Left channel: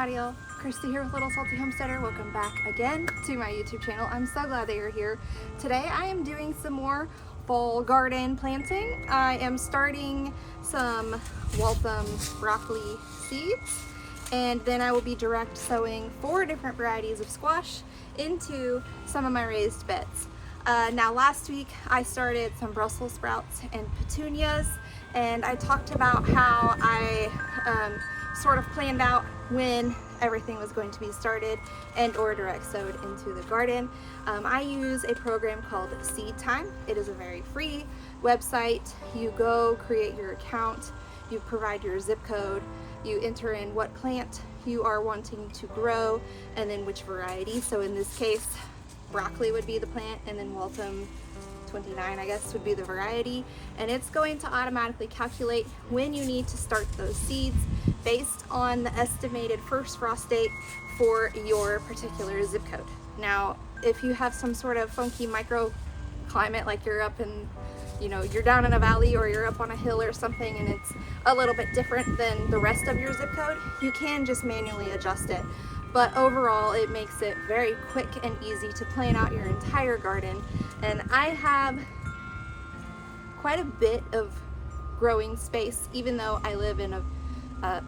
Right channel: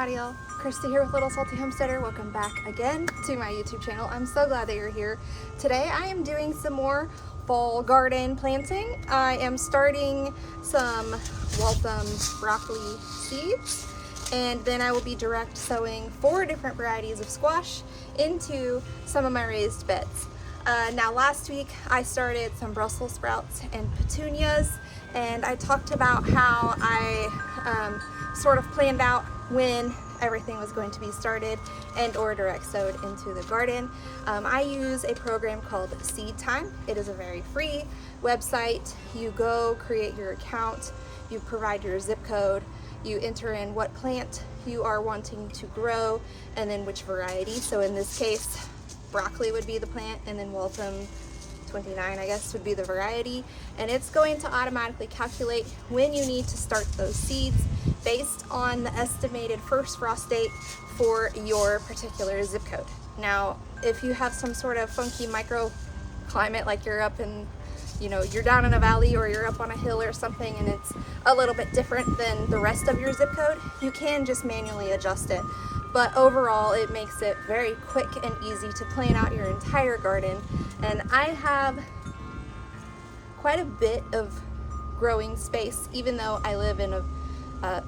Howdy y'all, Christi here with Little Salty Homesteader. Welcome back again to my YouTube channel. I'm so glad that you're here. Today I am doing some more fall garden planting. I am starting some Waltham broccoli seeds, and then I will be direct sowing 4 different varieties of squash into some of my raised beds. Now last week I started some Brussels sprouts and petunias, and I talked about how I sort of planned out when everything was going to be started and or direct sowed into the garden. I use a program called Seed Time. It is a very free website. You go create your account, you provide your zip code, you enter in what plant you are wanting to grow and then which variety. So in this case, broccoli would be the plant, and then Waltham 29 I guess would be the variety, and it's going to automatically calculate when you need to start those seeds based on the estimated first frost date for your particular zip code. Now if you have some sort of funky microclimate, like you're up in, you're down in a valley or you're up on a hill or something, and it's a little bit different than the rest of your zip code, you can just manually adjust it. But overall, it makes it very quick and easy to plan out your entire garden. And I have quite a bit of growing space, even though I live in a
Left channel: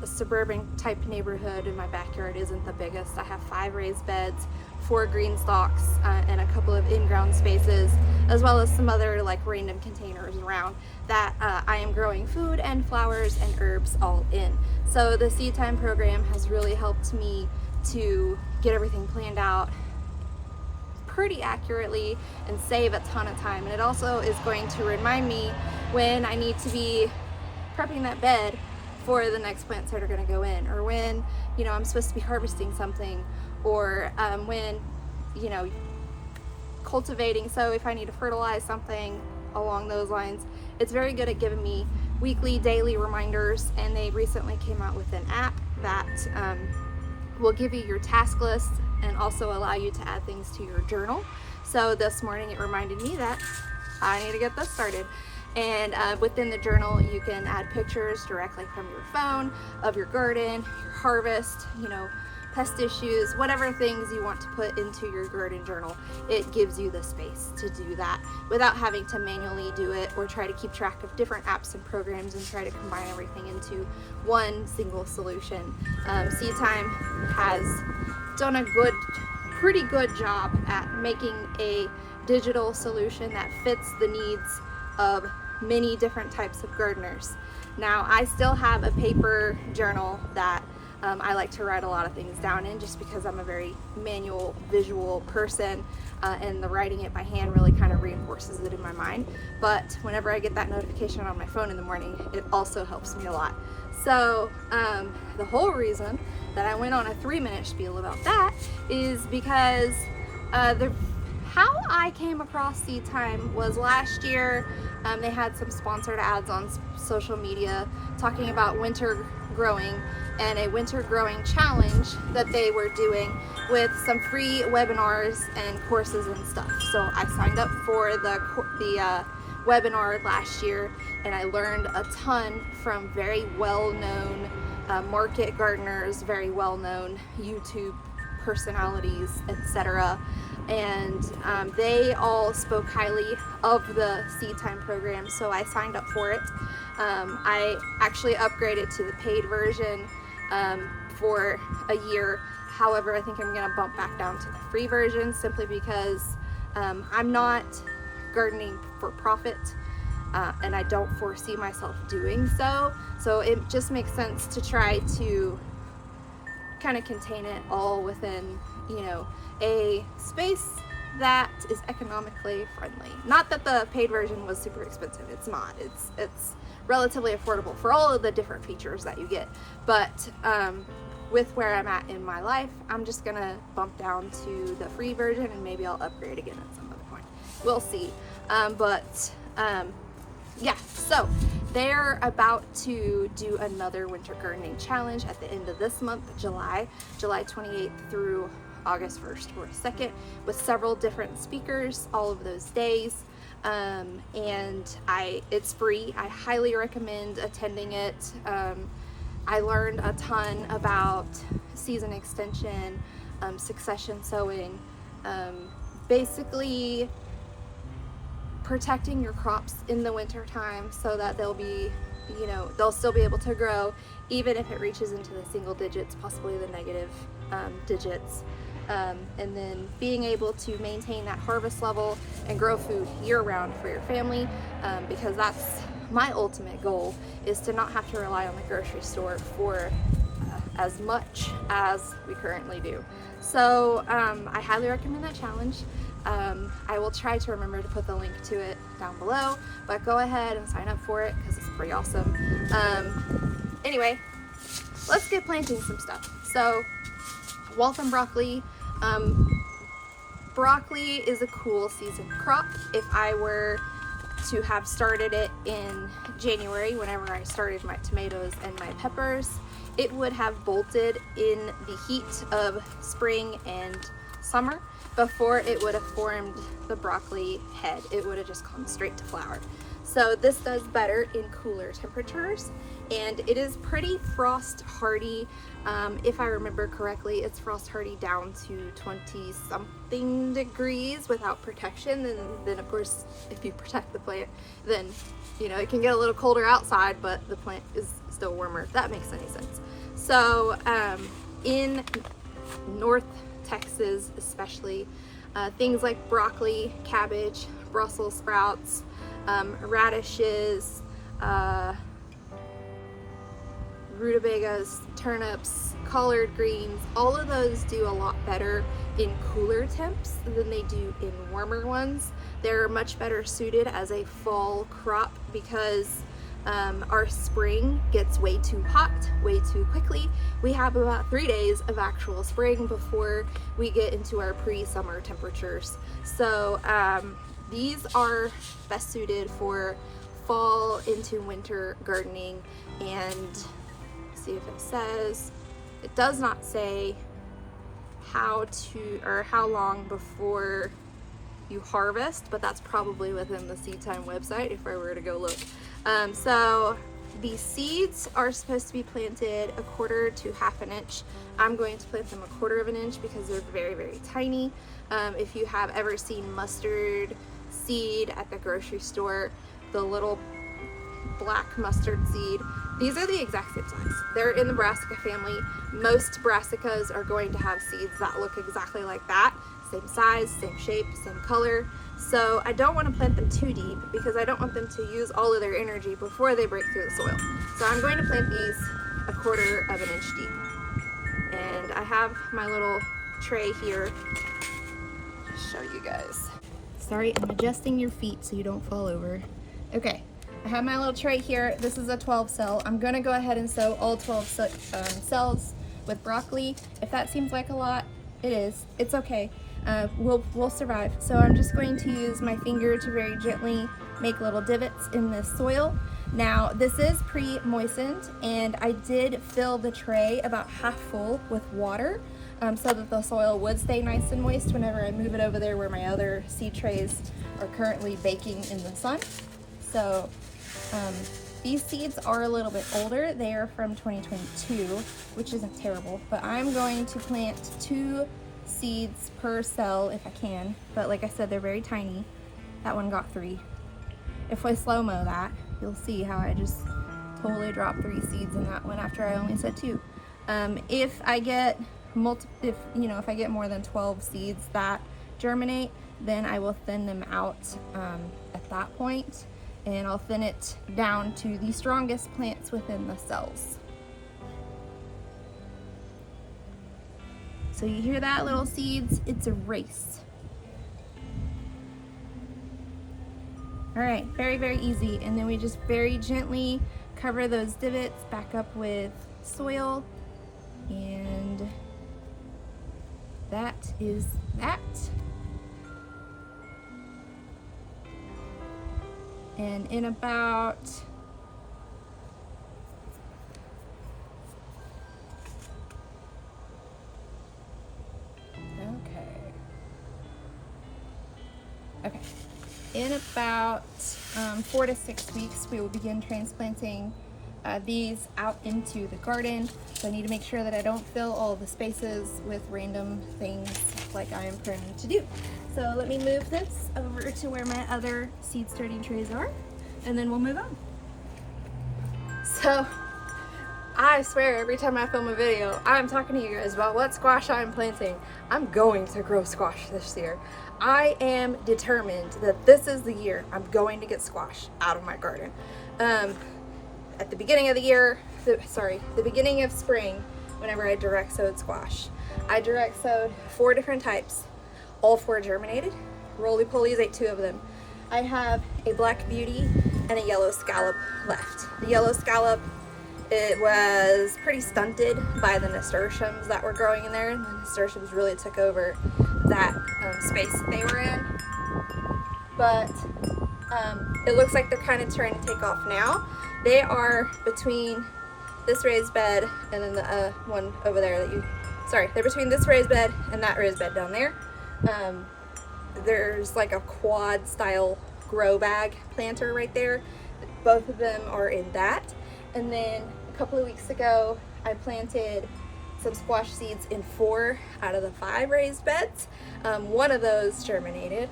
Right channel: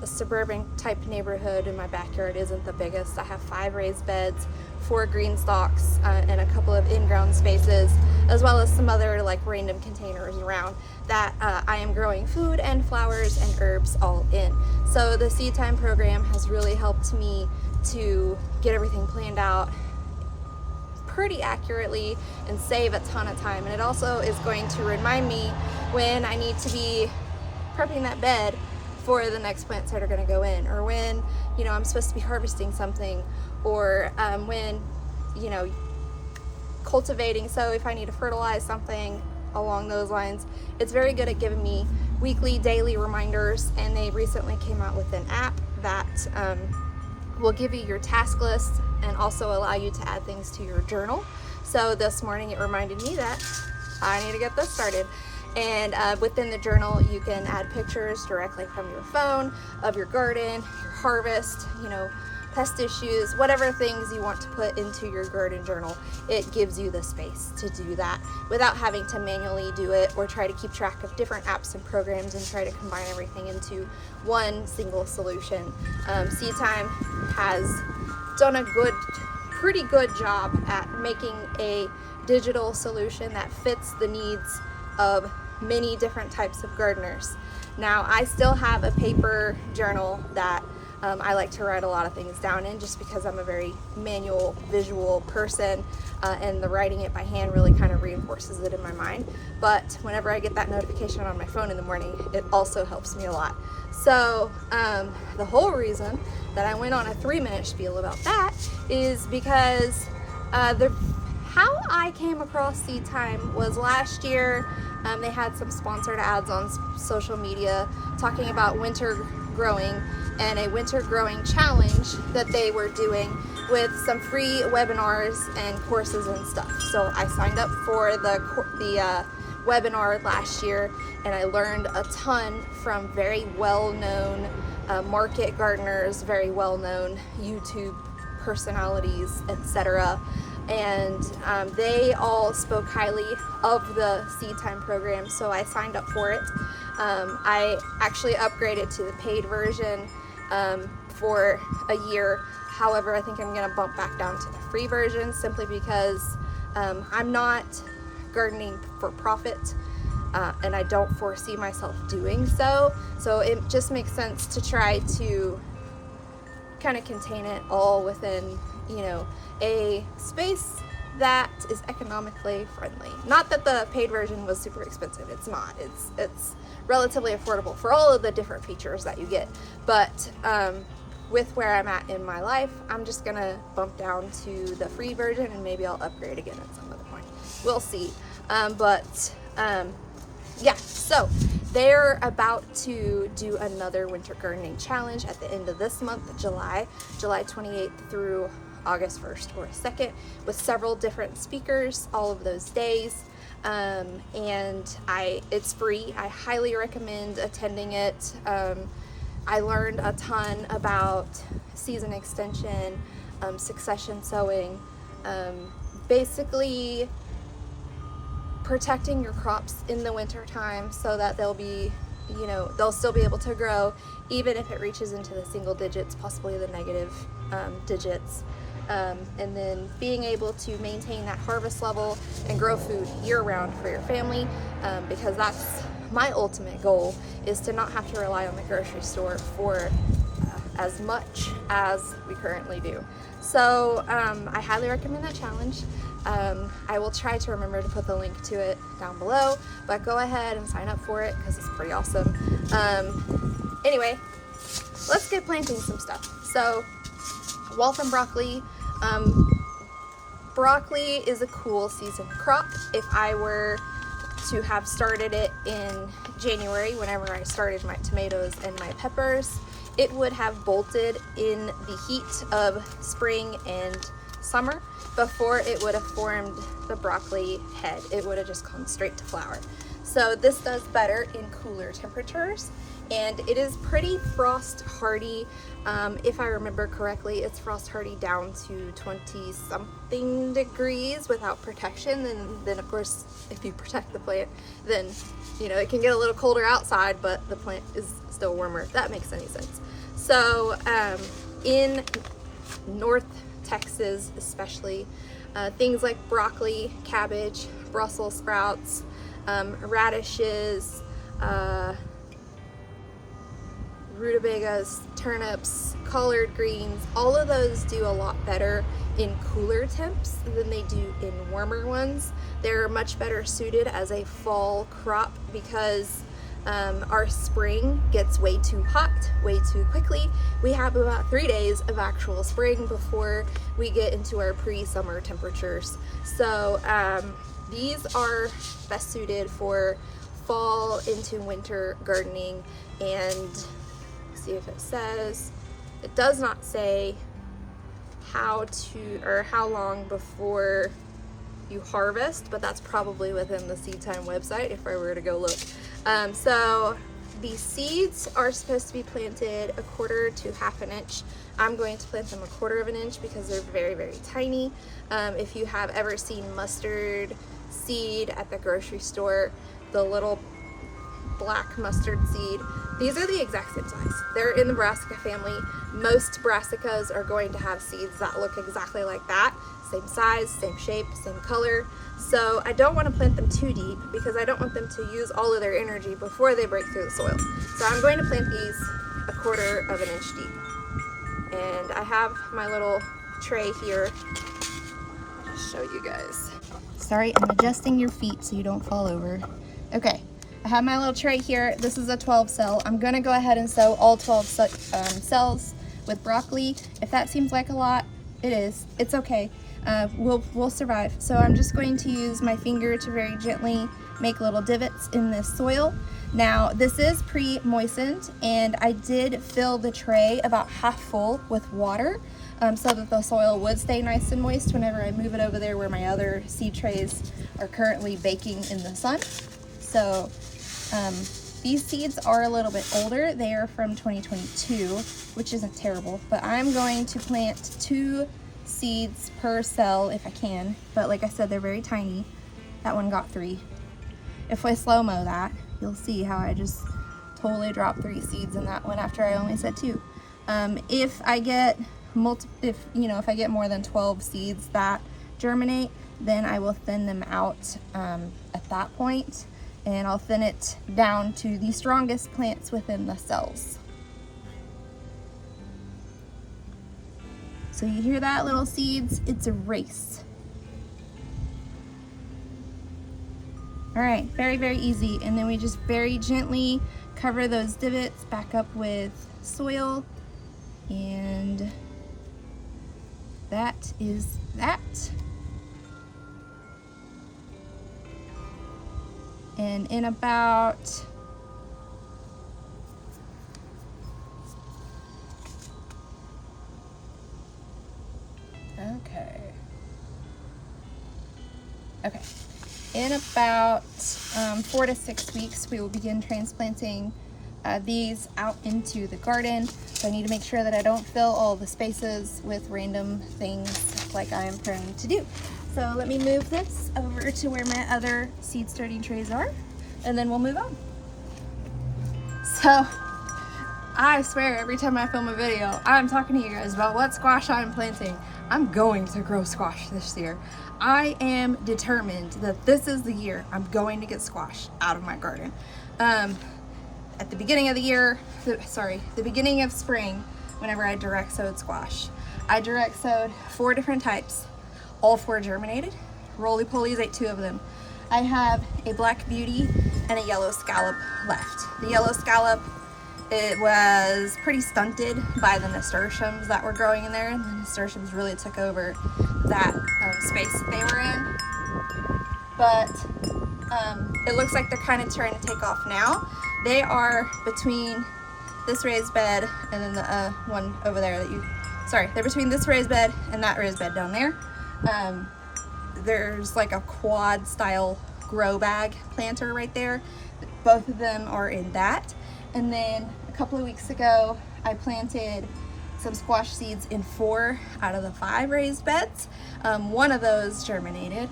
suburban type neighborhood and my backyard isn't the biggest. I have 5 raised beds, 4 green stalks, and a couple of in-ground spaces, as well as some other like random containers around that I am growing food and flowers and herbs all in. So the Seed Time program has really helped me to get everything planned out pretty accurately and save a ton of time. And it also is going to remind me when I need to be prepping that bed for the next plants that are going to go in, or when I'm supposed to be harvesting something, or when cultivating. So if I need to fertilize something along those lines, it's very good at giving me weekly, daily reminders. And they recently came out with an app that will give you your task list and also allow you to add things to your journal. So this morning it reminded me that I need to get this started. And within the journal you can add pictures directly from your phone of your garden, your harvest, pest issues, whatever things you want to put into your garden journal. It gives you the space to do that without having to manually do it or try to keep track of different apps and programs and try to combine everything into one single solution. Seed Time has done a pretty good job at making a digital solution that fits the needs of many different types of gardeners. Now I still have a paper journal that I like to write a lot of things down in, just because I'm a very manual, visual person, and the writing it by hand really kind of reinforces it in my mind. But whenever I get that notification on my phone in the morning, it also helps me a lot. So the whole reason that I went on a 3-minute spiel about that is because how I came across Seed Time was last year. They had some sponsored ads on social media talking about winter growing and a winter growing challenge that they were doing with some free webinars and courses and stuff. So I signed up for the webinar last year, and I learned a ton from very well-known market gardeners, very well-known YouTube personalities, etc. And they all spoke highly of the Seed Time program, so I signed up for it. I actually upgraded to the paid version for a year. However, I think I'm going to bump back down to the free version simply because I'm not gardening for profit, and I don't foresee myself doing so. So it just makes sense to try to kind of contain it all within a space that is economically friendly. Not that the paid version was super expensive, it's not. It's relatively affordable for all of the different features that you get. But with where I'm at in my life, I'm just gonna bump down to the free version, and maybe I'll upgrade again at some other point. We'll see. Yeah, so they're about to do another winter gardening challenge at the end of this month, July 28th through August 1st or 2nd, with several different speakers all of those days. And it's free. I highly recommend attending it. I learned a ton about season extension, succession sowing, basically protecting your crops in the winter time so that they'll be, you know, they'll still be able to grow even if it reaches into the single digits, possibly the negative digits. And then being able to maintain that harvest level and grow food year-round for your family, because that's my ultimate goal, is to not have to rely on the grocery store for as much as we currently do. So I highly recommend that challenge. I will try to remember to put the link to it down below, but go ahead and sign up for it because it's pretty awesome. Anyway, let's get planting some stuff. So Waltham broccoli. Broccoli is a cool season crop. If I were to have started it in January, whenever I started my tomatoes and my peppers, it would have bolted in the heat of spring and summer before it would have formed the broccoli head. It would have just gone straight to flower. So this does better in cooler temperatures, and it is pretty frost hardy. If I remember correctly, it's frost hardy down to 20 something degrees without protection. And then of course, if you protect the plant, then you know it can get a little colder outside, but the plant is still warmer, if that makes any sense. So in North Texas especially, things like broccoli, cabbage, Brussels sprouts, radishes, rutabagas, turnips, collard greens, all of those do a lot better in cooler temps than they do in warmer ones. They're much better suited as a fall crop because our spring gets way too hot way too quickly. We have about 3 days of actual spring before we get into our pre-summer temperatures. So these are best suited for fall into winter gardening. And see if it says, it does not say how to or how long before you harvest, but that's probably within the Seed Time website if I were to go look. So the seeds are supposed to be planted 1/4 to 1/2 inch. I'm going to plant them 1/4 inch because they're very, very tiny. If you have ever seen mustard seed at the grocery store, the little black mustard seed, these are the exact same size. They're in the brassica family. Most brassicas are going to have seeds that look exactly like that. Same size, same shape, same color. So I don't want to plant them too deep because I don't want them to use all of their energy before they break through the soil. So I'm going to plant these 1/4 inch deep. And I have my little tray here. I'll just show you guys. Sorry, I'm adjusting your feet so you don't fall over. Okay. I have my little tray here. This is a 12 cell. I'm gonna go ahead and sow all 12 cells with broccoli. If that seems like a lot, it is. It's okay. We'll survive. So I'm just going to use my finger to very gently make little divots in the soil. Now this is pre-moistened, and I did fill the tray about half full with water so that the soil would stay nice and moist whenever I move it over there where my other seed trays are currently baking in the sun. So these seeds are a little bit older. They are from 2022, which isn't terrible, but I'm going to plant 2 seeds per cell if I can. But like I said, they're very tiny. That one got 3. If I slow-mo that, you'll see how I just totally dropped 3 seeds in that one after I only said 2. If I get if I get more than 12 seeds that germinate, then I will thin them out at that point. And I'll thin it down to the strongest plants within the cells. So you hear that, little seeds? It's a race. All right, very, very easy. And then we just very gently cover those divots back up with soil. And that is that. And in about in about 4 to 6 weeks, we will begin transplanting add these out into the garden. So I need to make sure that I don't fill all the spaces with random things like I am prone to do. So let me move this over to where my other seed starting trays are, and then we'll move on. So I swear every time I film a video, I'm talking to you guys about what squash I'm planting. I'm going to grow squash this year. I am determined that this is the year I'm going to get squash out of my garden. At the beginning of the year, the beginning of spring, whenever I direct sowed squash, I direct sowed 4 different types. All 4 germinated. Roly-polies ate 2 of them. I have a black beauty and a yellow scallop left. The yellow scallop, it was pretty stunted by the nasturtiums that were growing in there, and the nasturtiums really took over that space that they were in. But it looks like they're kind of trying to take off now. They are between this raised bed and then the one over there they're between this raised bed and that raised bed down there. There's like a quad style grow bag planter right there. Both of them are in that. And then a couple of weeks ago, I planted some squash seeds in 4 out of the 5 raised beds. One of those germinated.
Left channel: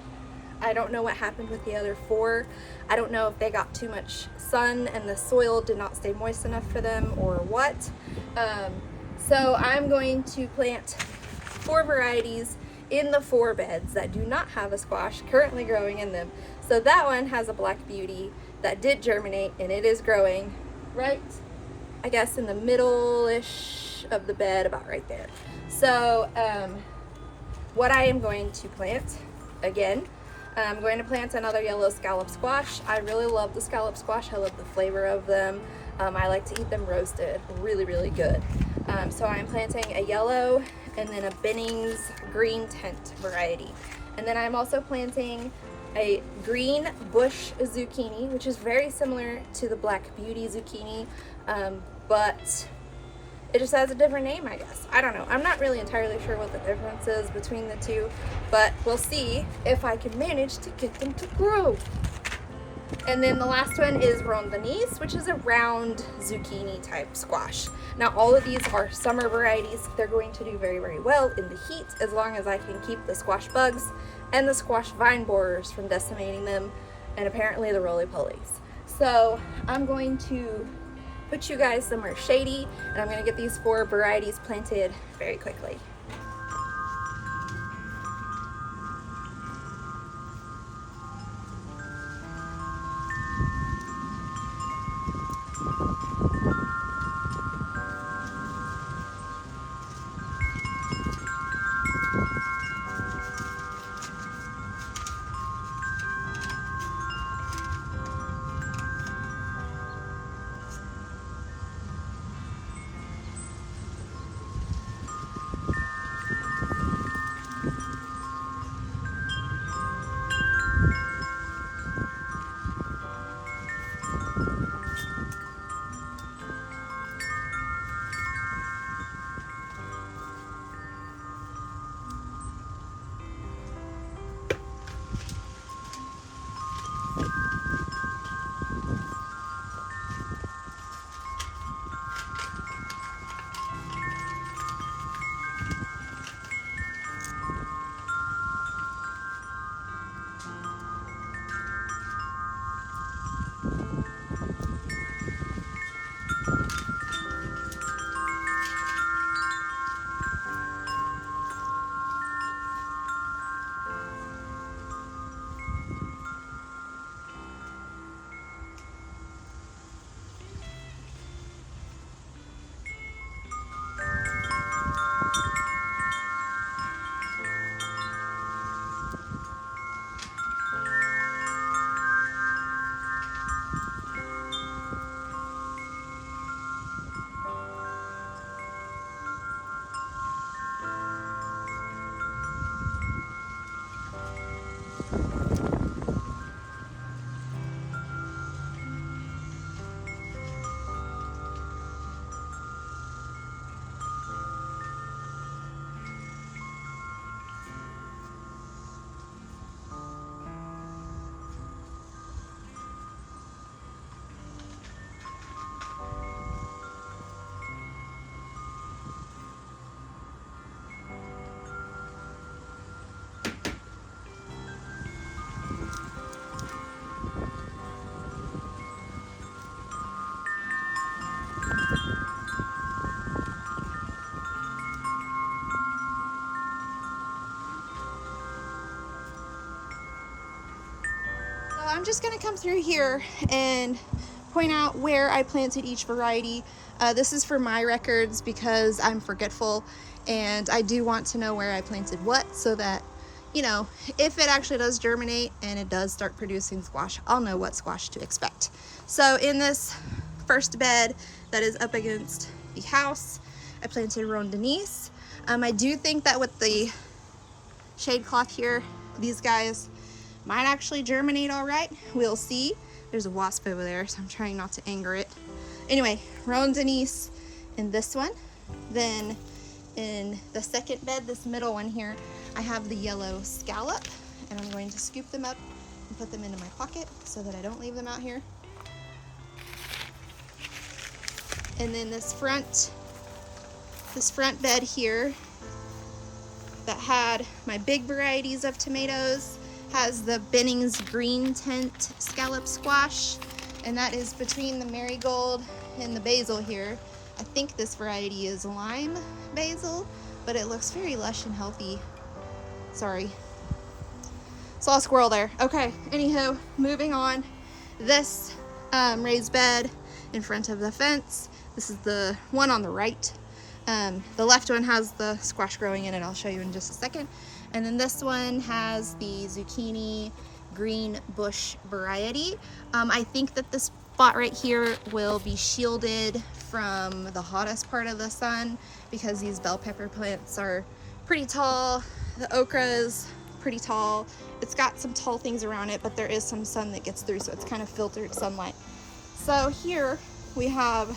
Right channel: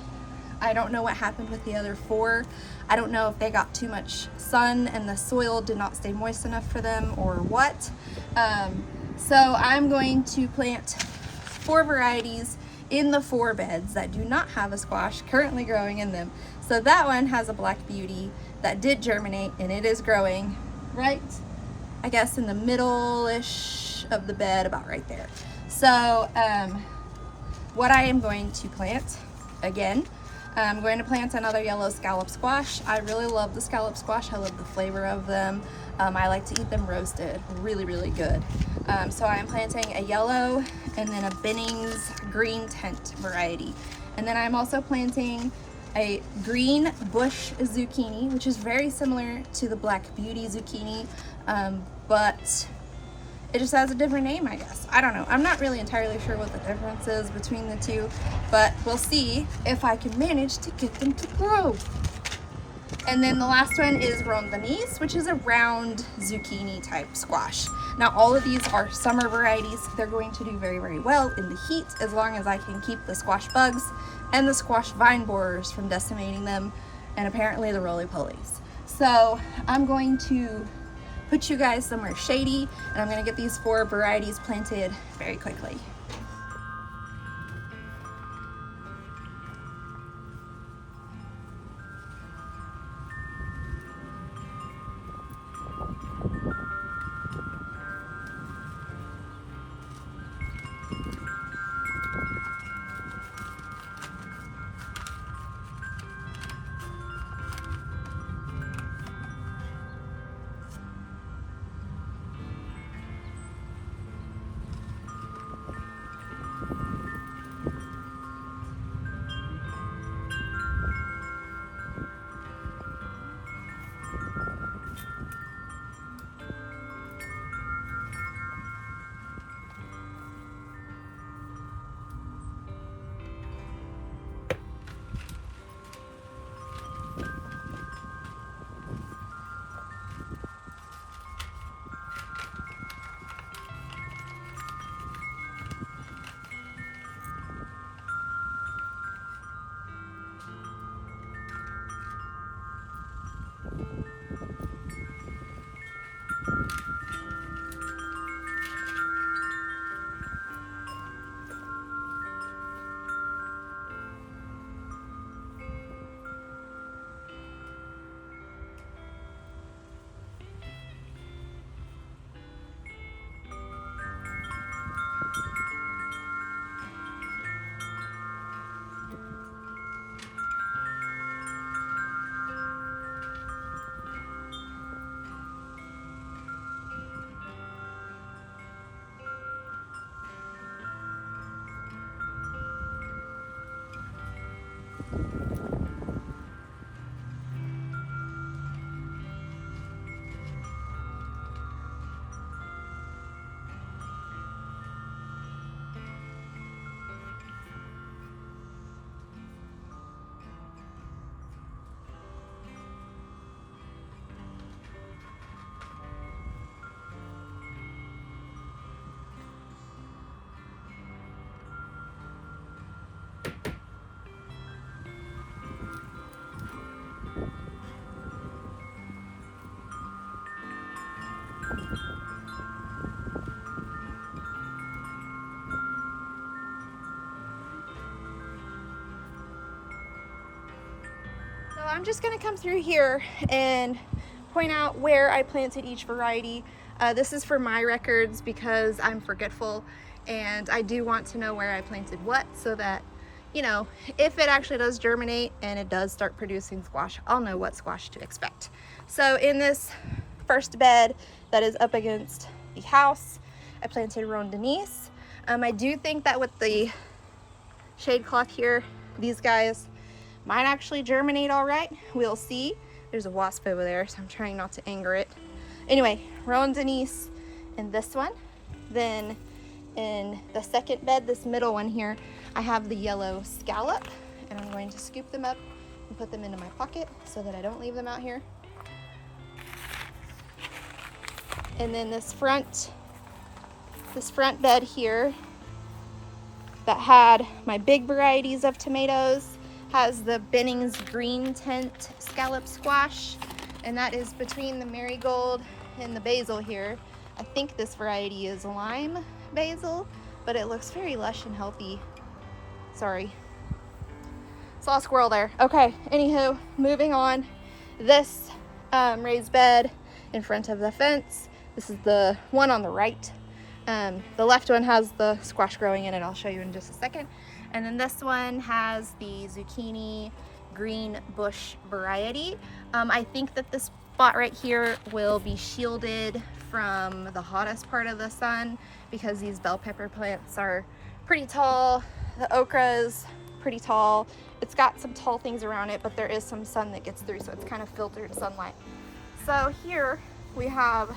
I don't know what happened with the other 4. I don't know if they got too much sun and the soil did not stay moist enough for them or what. So I'm going to plant 4 varieties in the 4 beds that do not have a squash currently growing in them. So that one has a black beauty that did germinate, and it is growing right, I guess, in the middle-ish of the bed, about right there. So what I am going to plant, again, I'm going to plant another yellow scallop squash. I really love the scallop squash. I love the flavor of them. I like to eat them roasted, really, really good. So I'm planting a yellow and then a Bennings green tent variety. And then I'm also planting a green bush zucchini, which is very similar to the black beauty zucchini, but it just has a different name, I guess. I don't know. I'm not really entirely sure what the difference is between the two, but we'll see if I can manage to get them to grow. And then the last one is rondanis, which is a round zucchini type squash. Now all of these are summer varieties. They're going to do very, very well in the heat as long as I can keep the squash bugs and the squash vine borers from decimating them, and apparently the roly-polies. So I'm going to put you guys somewhere shady, and I'm going to get these 4 varieties planted very quickly. I'm just gonna come through here and point out where I planted each variety. This is for my records because I'm forgetful and I do want to know where I planted what, so that, you know, if it actually does germinate and it does start producing squash, I'll know what squash to expect. So in this first bed that is up against the house, I planted Rondenise. I do think that with the shade cloth here, these guys might actually germinate all right. We'll see. There's a wasp over there, so I'm trying not to anger it. Anyway, Rondenise in this one. Then in the second bed, this middle one here, I have the yellow scallop, and I'm going to scoop them up and put them into my pocket so that I don't leave them out here. And then this front bed here that had my big varieties of tomatoes has the Benning's green tint scallop squash, and that is between the marigold and the basil here. I think this variety is lime basil, but it looks very lush and healthy. Sorry, saw a squirrel there. Okay, anywho, moving on. This raised bed in front of the fence, this is the one on the right. The left one has the squash growing in it. I'll show you in just a second. And then this one has the zucchini green bush variety. I think that this spot right here will be shielded from the hottest part of the sun because these bell pepper plants are pretty tall. The okra is pretty tall. It's got some tall things around it, but there is some sun that gets through, so it's kind of filtered sunlight. So here we have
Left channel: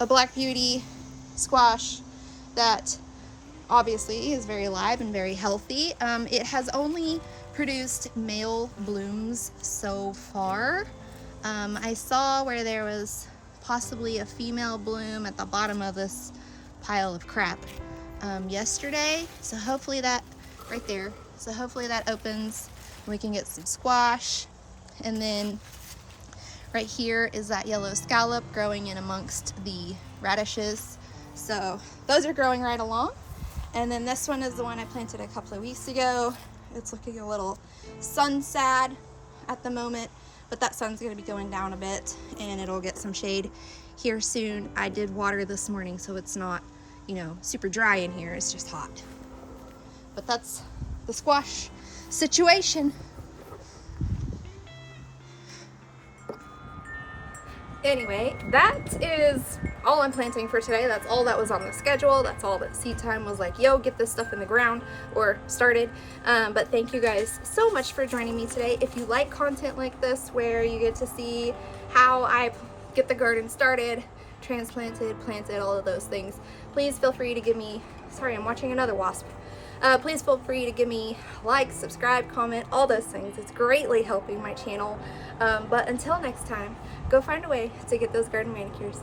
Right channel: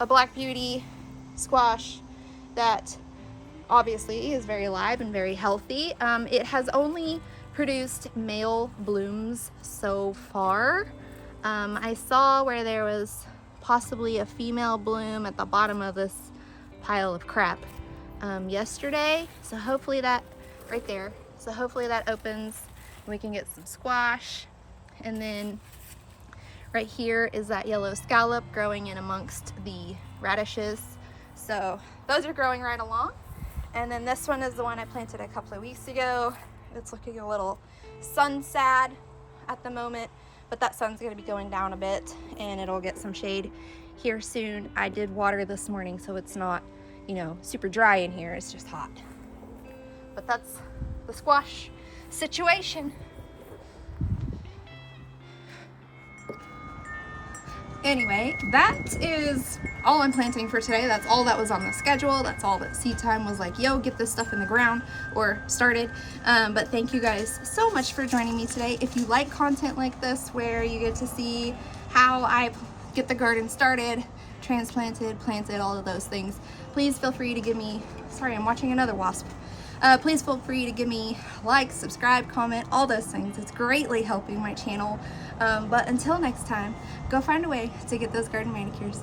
a Black Beauty squash that obviously is very alive and very healthy. It has only produced male blooms so far. I saw where there was possibly a female bloom at the bottom of this pile of crap yesterday. So hopefully that, right there, so hopefully that opens and we can get some squash. And then right here is that yellow scallop growing in amongst the radishes. So those are growing right along. And then this one is the one I planted a couple of weeks ago. It's looking a little sun sad at the moment, but that sun's gonna be going down a bit and it'll get some shade here soon. I did water this morning, so it's not, you know, super dry in here. It's just hot. But that's the squash situation. Anyway, that is all I'm planting for today. That's all that was on the schedule. That's all that Seed Time was like, yo, get this stuff in the ground or started. But thank you guys so much for joining me today. If you like content like this where you get to see how I get the garden started, transplanted, planted, all of those things, please feel free to give me, sorry, I'm watching another wasp. Please feel free to give me like, subscribe, comment, all those things. It's greatly helping my channel. But until next time, go find a way to get those garden manicures.